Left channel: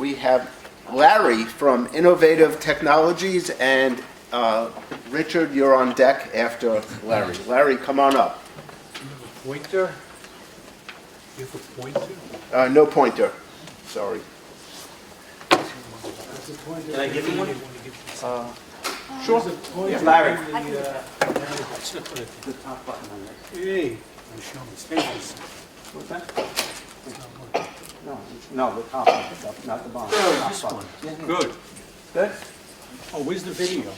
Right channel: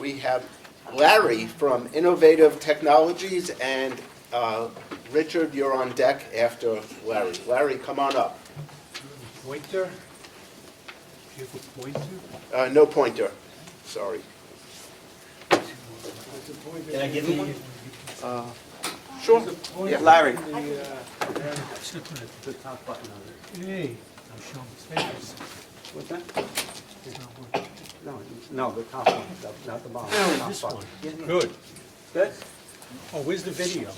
we have Larry from Innovative Technologies, and Richard, you're on deck after Larry. Larry, come on up. Pointer? You have a pointer? No pointer, sorry. Can I give you one? Sure. Yeah. Larry. Should put the top button on it. Hey, I'm showing extensions. What's that? No, the top one, not the bottom. This one. Good. Good. Oh, where's the video?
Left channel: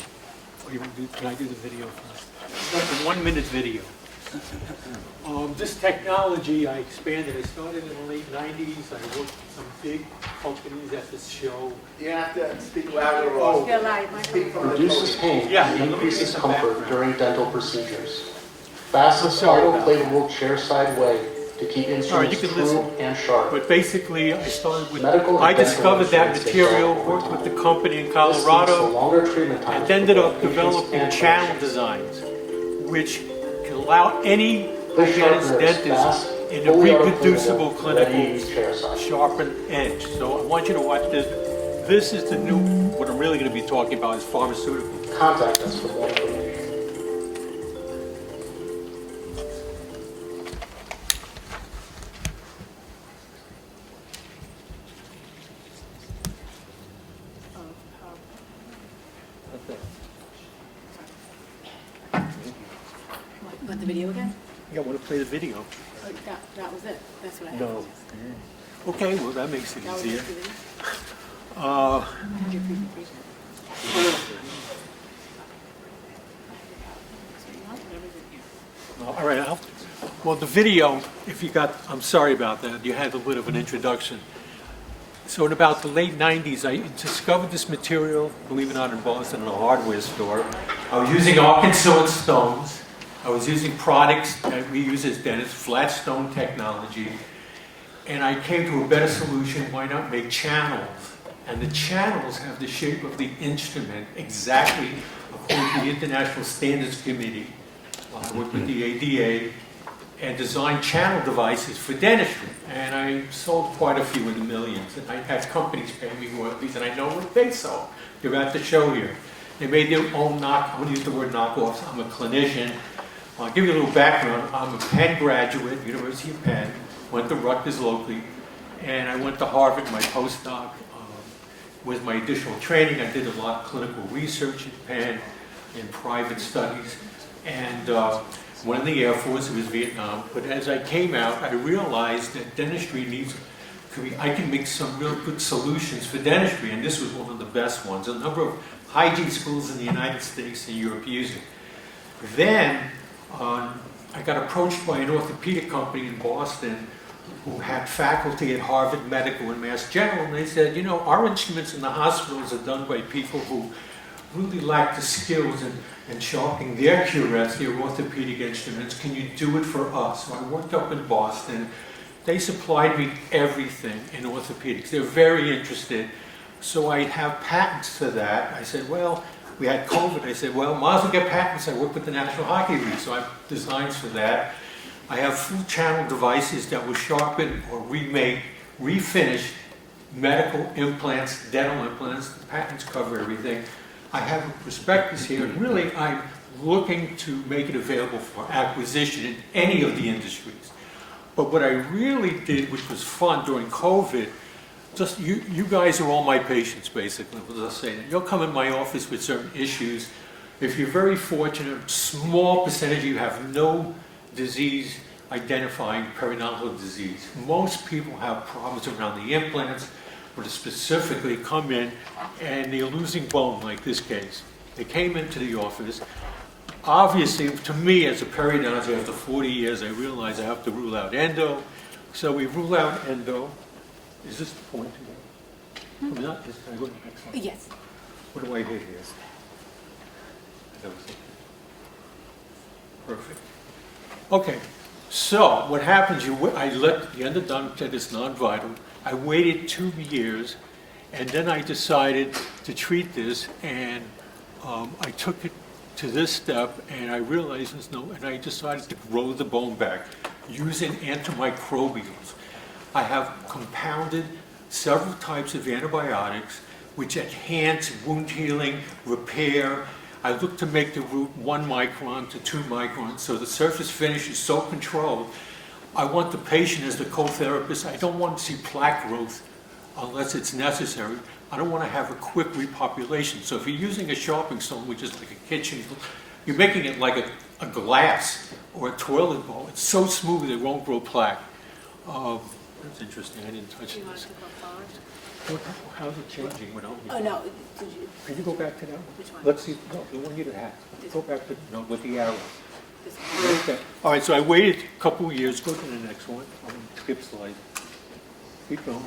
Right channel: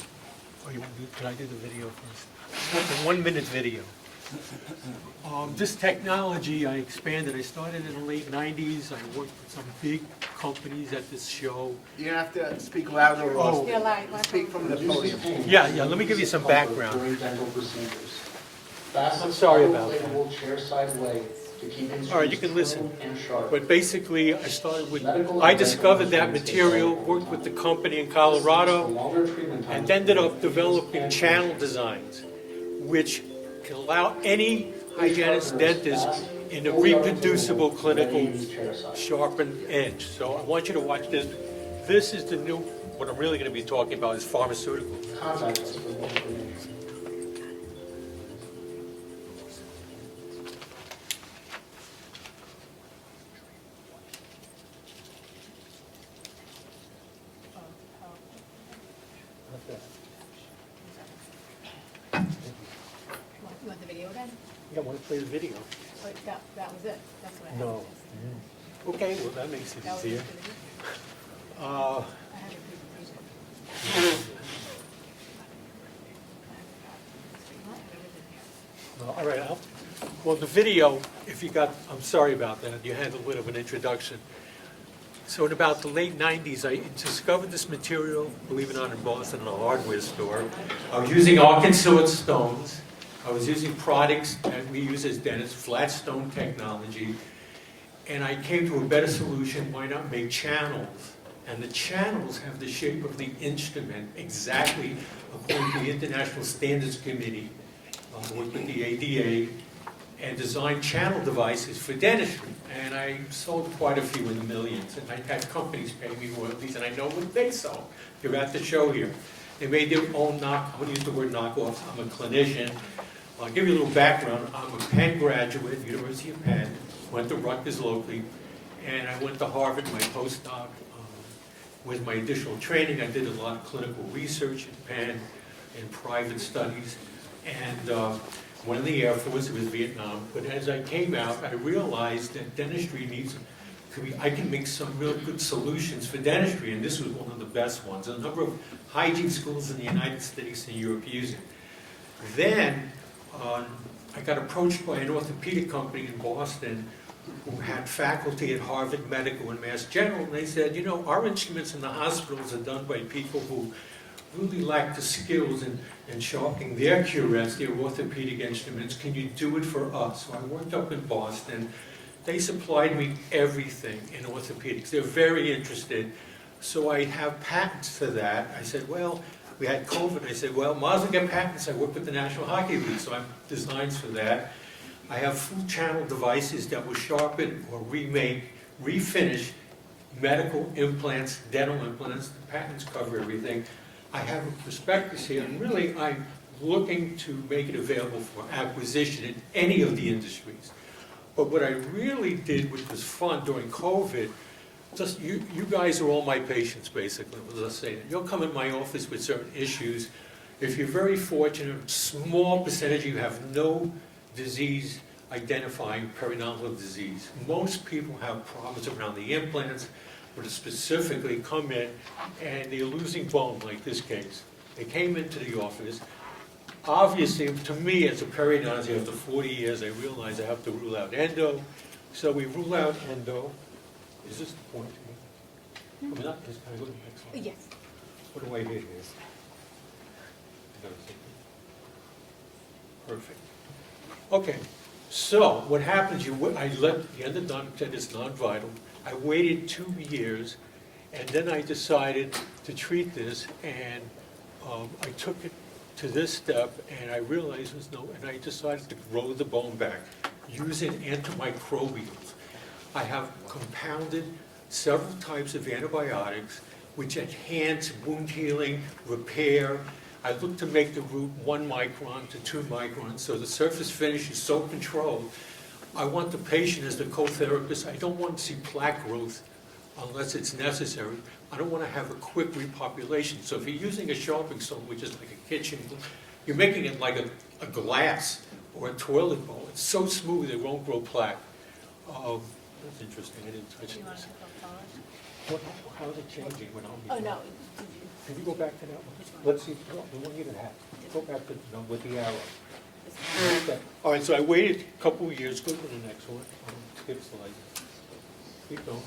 Oh, can I do the video first? It's a 1-minute video. This technology I expanded. I started in the late 90s. I worked with some big companies at this show. You have to speak louder. Speak from the Reduces pain. Yeah, let me give you increases some comfort background. during dental procedures. Fastest sorry about autoclavable chair side way to keep All right, instruments you can true listen. and sharp. But basically, I started with, Medical and I dental discovered that insurance material, is worked with the company in This leads to Colorado, longer treatment times and for ended both up patients developing and channel clinicians. designs, which can allow any This hygienist sharpener is dentist fast, in a fully reproducible articulable, ready to clinical use chair side. sharpened edge. So I want you to watch this. This is the new, what I'm really going to be talking about is pharmaceutical. Contact us for more information. Want the video again? Yeah, I want to play the video. Or that was it? That's what I had. No. Okay, well, that makes it That was easier. just the video? Uh, I had your presentation. All right, well, the video, if you got, I'm sorry about that, you had a bit of an introduction. So in about the late 90s, I discovered this material, believe it or not, in Boston in a hardware store. I was using Arkansas stones. I was using products that we use as dentists, flat stone technology. And I came to a better solution. Why not make channels? And the channels have the shape of the instrument exactly according to the International Standards Committee. I worked with the ADA and designed channel devices for dentistry. And I sold quite a few in the millions. And I had companies pay me royalties, and I know what they sold. They're at the show here. They made their own I'm going to use the word knockoffs. I'm a clinician. I'll give you a little background. I'm a Penn graduate, University of Penn. Went to Rutgers locally, and I went to Harvard, my postdoc. With my additional training, I did a lot of clinical research at Penn in private studies, and went in the Air Force. It was Vietnam. But as I came out, I realized that dentistry needs, I can make some real good solutions for dentistry, and this was one of the best ones. A number of hygiene schools in the United States and Europe use it. Then I got approached by an orthopedic company in Boston who had faculty at Harvard Medical and Mass General, and they said, you know, our instruments in the hospitals are done by people who really lack the skills in sharpening their curettes, their orthopedic instruments. Can you do it for us? So I worked up in Boston. They supplied me everything in orthopedics. They're very interested. So I have patents for that. I said, well, we had COVID. I said, well, might as well get patents. I work with the National Hockey League, so I have designs for that. I have full channel devices that will sharpen or remake, refinish medical implants, dental implants. The patents cover everything. I have a prospectus here, and really I'm looking to make it available for acquisition in any of the industries. But what I really did, which was fun during COVID, just you guys are all my patients, basically. As I say, you'll come in my office with certain issues. If you're very fortunate, small percentage of you have no disease identifying periodontal disease. Most people have problems around the implants, but specifically come in and they're losing bone, like this case. They came into the office. Obviously, to me, as a periodontist, after 40 years, I realized I have to rule out endo. So we rule out endo. Is this the point? Can I go to the next one? Yes. What do I hit here? That was it. Perfect. Okay, so what happens, I let the endodontic said it's non-vital. I waited 2 years, and then I decided to treat this, and I took it to this step, and I realized there's no, and I decided to grow the bone back using antimicrobials. I have compounded several types of antibiotics which enhance wound healing, repair. I look to make the root 1 micron to 2 microns, so the surface finish is so controlled. I want the patient as the co-therapist. I don't want to see plaque growth unless it's necessary. I don't want to have a quick repopulation. So if you're using a sharpening stone, which is like a kitchen, you're making it like a glass or a toilet bowl. It's so smooth it won't grow plaque. That's interesting. I didn't touch Do you want this. to go forward? How's it changing without me? Oh, no, did you, Can you go back to that one? Which one? Let's see, no, the one you had. Go back to, no, with the arrow. this one? Okay. All right, so I waited a couple of years. Go to the next one. Skip slide. Keep going.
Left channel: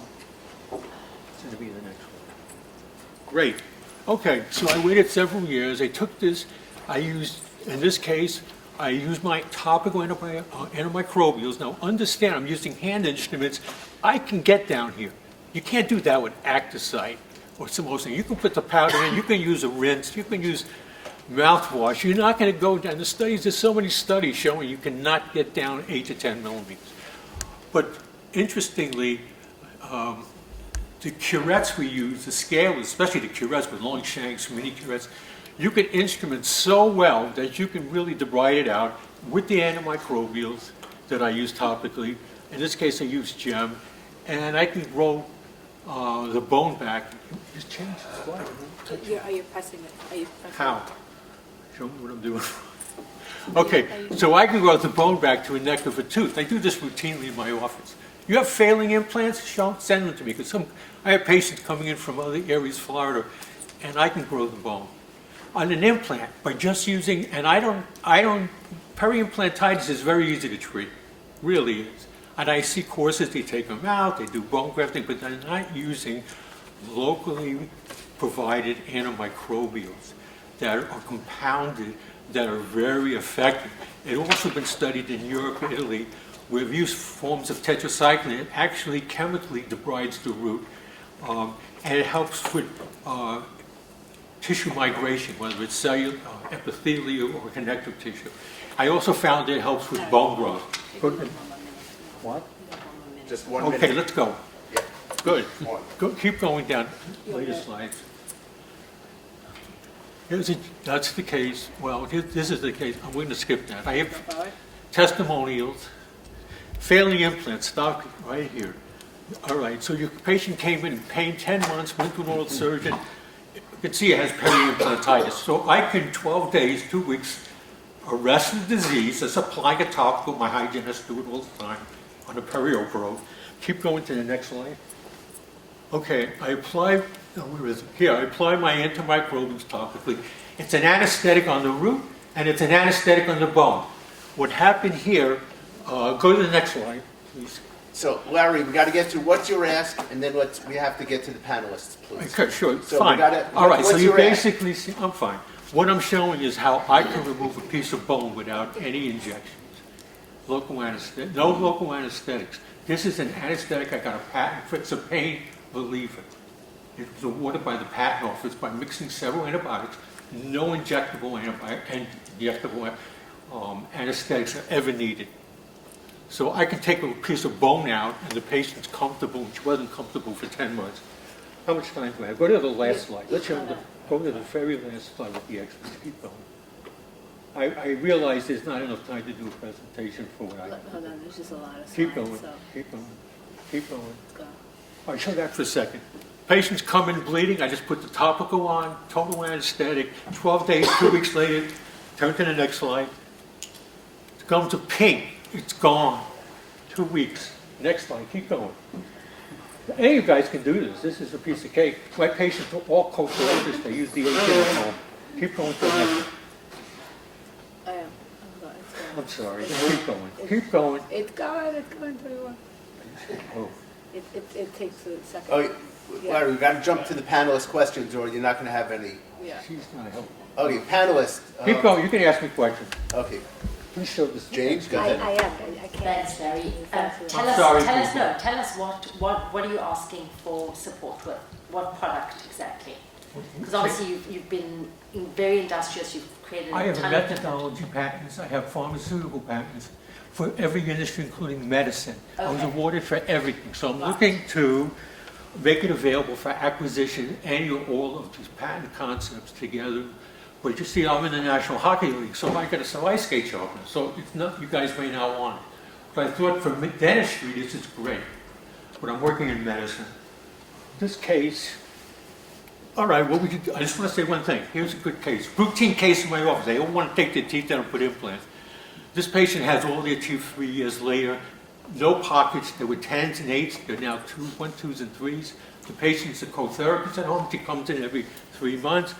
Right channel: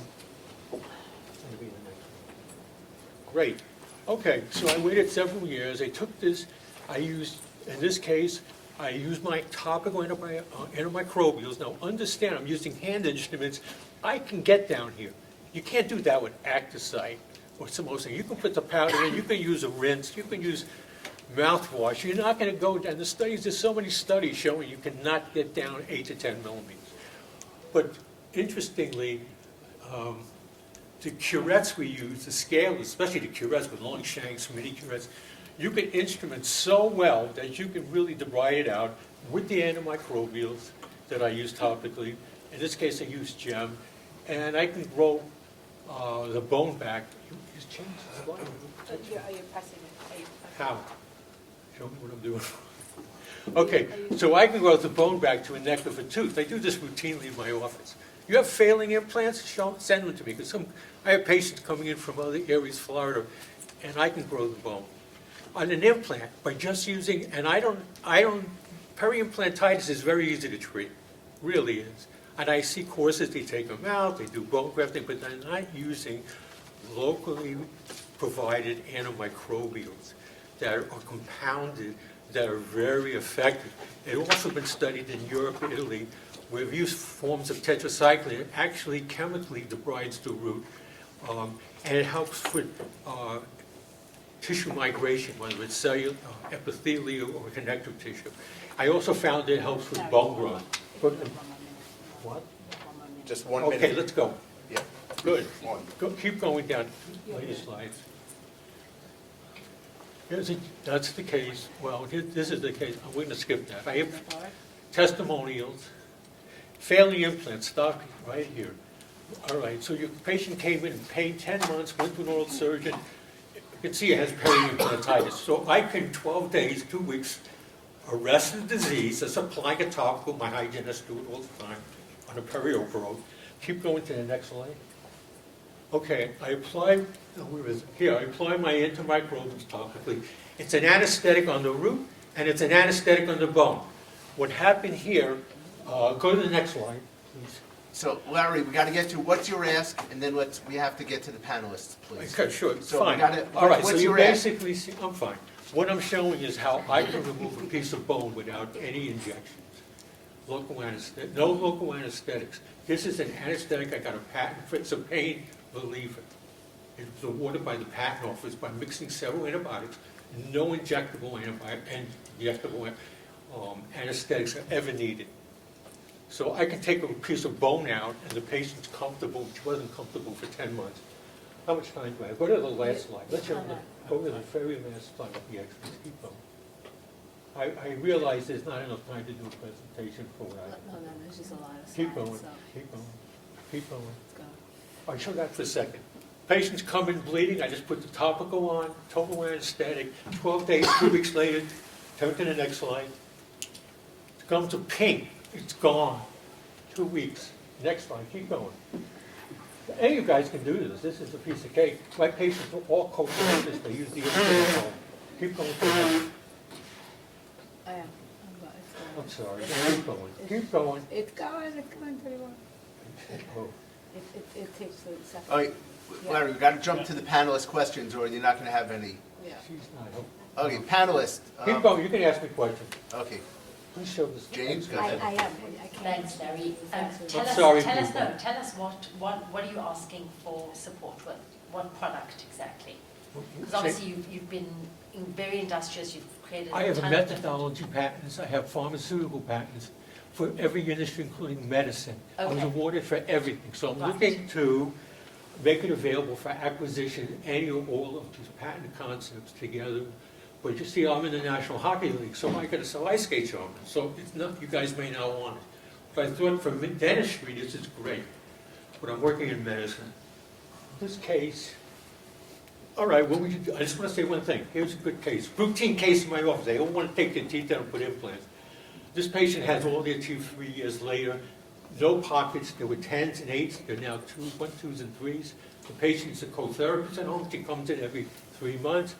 It's going to be the next one. Great. Okay, so I waited several years. I took this, I used, in this case, I used my topical antimicrobials. Now understand, I'm using hand instruments. I can get down here. You can't do that with Acticite or some other thing. You can put the powder in, you can use a rinse, you can use mouthwash. You're not going to go down. The studies, there's so many studies showing you cannot get down 8 to 10 millimeters. But interestingly, the curettes we use, the scale, especially the curettes with long shanks, mini curettes, you can instrument so well that you can really debride it out with the antimicrobials that I use topically. In this case, I use gem, and I can grow the bone back. Just change the slide. Are you pressing it? Are you pressing? How? Show me what I'm doing. Okay, so I can grow the bone back to a neck of a tooth. I do this routinely in my office. You have failing implants? Send them to me, because I have patients coming in from other areas, Florida, and I can grow the bone. On an implant, by just using, and peri-implantitis is very easy to treat, really is. And I see courses, they take them out, they do bone grafting, but they're not using locally provided antimicrobials that are compounded, that are very effective. It's also been studied in Europe and Italy, where we've used forms of tetracycline. It actually chemically debrides the root, and it helps with tissue migration, whether it's cellular, epithelial, or connective tissue. I also found it helps with bone growth. What? Just 1 minute. Okay, let's go. Yeah. Good. One. Go, keep going down. Later slides. That's the case. Well, this is the case. I'm going to skip that. I have Forward? testimonials, failing implants, stop right here. All right, so your patient came in pain 10 months, went to an oral surgeon. You can see it has peri-implantitis. So I can, 12 days, 2 weeks, arrest the disease. Let's apply a topical. My hygienists do it all the time on a perio probe. Keep going to the next slide. Okay, I apply, where is it? Here, I apply my antimicrobials topically. It's an anesthetic on the root, and it's an anesthetic on the bone. What happened here, go to the next slide, please. So, Larry, we got to get through what's your ask, and then we have to get to the panelists, please. Okay, sure, So we fine. gotta- All right, so what's you your ask? basically see, I'm fine. What I'm showing is how I can remove a piece of bone without any injections. Local anesthetic, no local anesthetics. This is an anesthetic, I got a patent for, it's a pain reliever. It was awarded by the patent office by mixing several antibiotics. No injectable anesthetics are ever needed. So I can take a piece of bone out and the patient's comfortable, which wasn't comfortable for 10 months. How much time do I have? Go to the last slide. Let's go to the very last slide with the extras. Keep going. I realize there's not enough time to do a presentation for what I have. Hold on, there's just a lot of slides. Keep going, So, keep going, keep going. let's go. All right, show that for a second. Patients come in bleeding, I just put the topical on, total anesthetic, 12 days, 2 weeks later, turn to the next slide. It's come to pink, it's gone, 2 weeks. Next slide, keep going. Any of you guys can do this is a piece of cake. My patients are all co-religious, they use the ATM. Keep going to the next. I am. It's going. I'm sorry, It's keep going, keep going. It's going pretty well. Oh. It takes a second. Oh, Larry, we got to jump to the panelist questions, or you're not going to have any. Yeah. She's not helping. Okay, panelists. Keep going, you can ask me questions. Okay, Please show this. James, go I ahead. am. I can't. Thanks, Larry. Thanks. Tell sorry. us what are you asking for support with? What product exactly? Because obviously you've been very industrious, you've created I a have ton of methodology patents, I have pharmaceutical patents for every industry, including medicine. I was Okay. awarded for everything, so I'm Right. looking to make it available for acquisition, any or all of these patent concepts together. But you see, I'm in the National Hockey League, so I got to sell ice skate sharpeners. So it's not, you guys may not want it. But I thought for dentistry, this is great. But I'm working in medicine. This case, all right, what would you do? I just want to say one thing. Here's a good case. Routine case in my office. They all want to take their teeth out and put implants. This patient has all their teeth 3 years later. No pockets. There were 10s and 8s. They're now 1, 2s, and 3s. The patient's a co-therapist at home. She comes in every 3 months.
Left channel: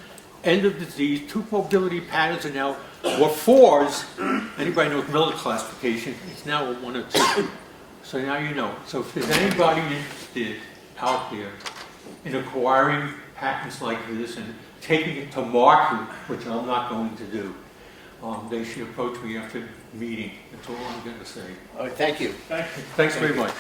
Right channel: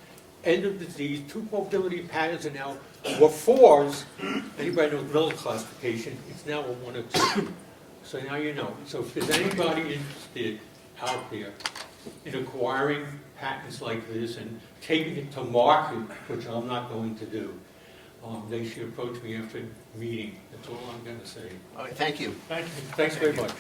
End of disease. 2 mobility patterns are now, or 4s. Anybody knows Miller classification? It's now a 1 or 2. So now you know. So if there's anybody interested out there in acquiring patents like this and taking it to market, which I'm not going to do, they should approach me after the meeting. That's all I'm going to say. All right, thank you. Thanks very much.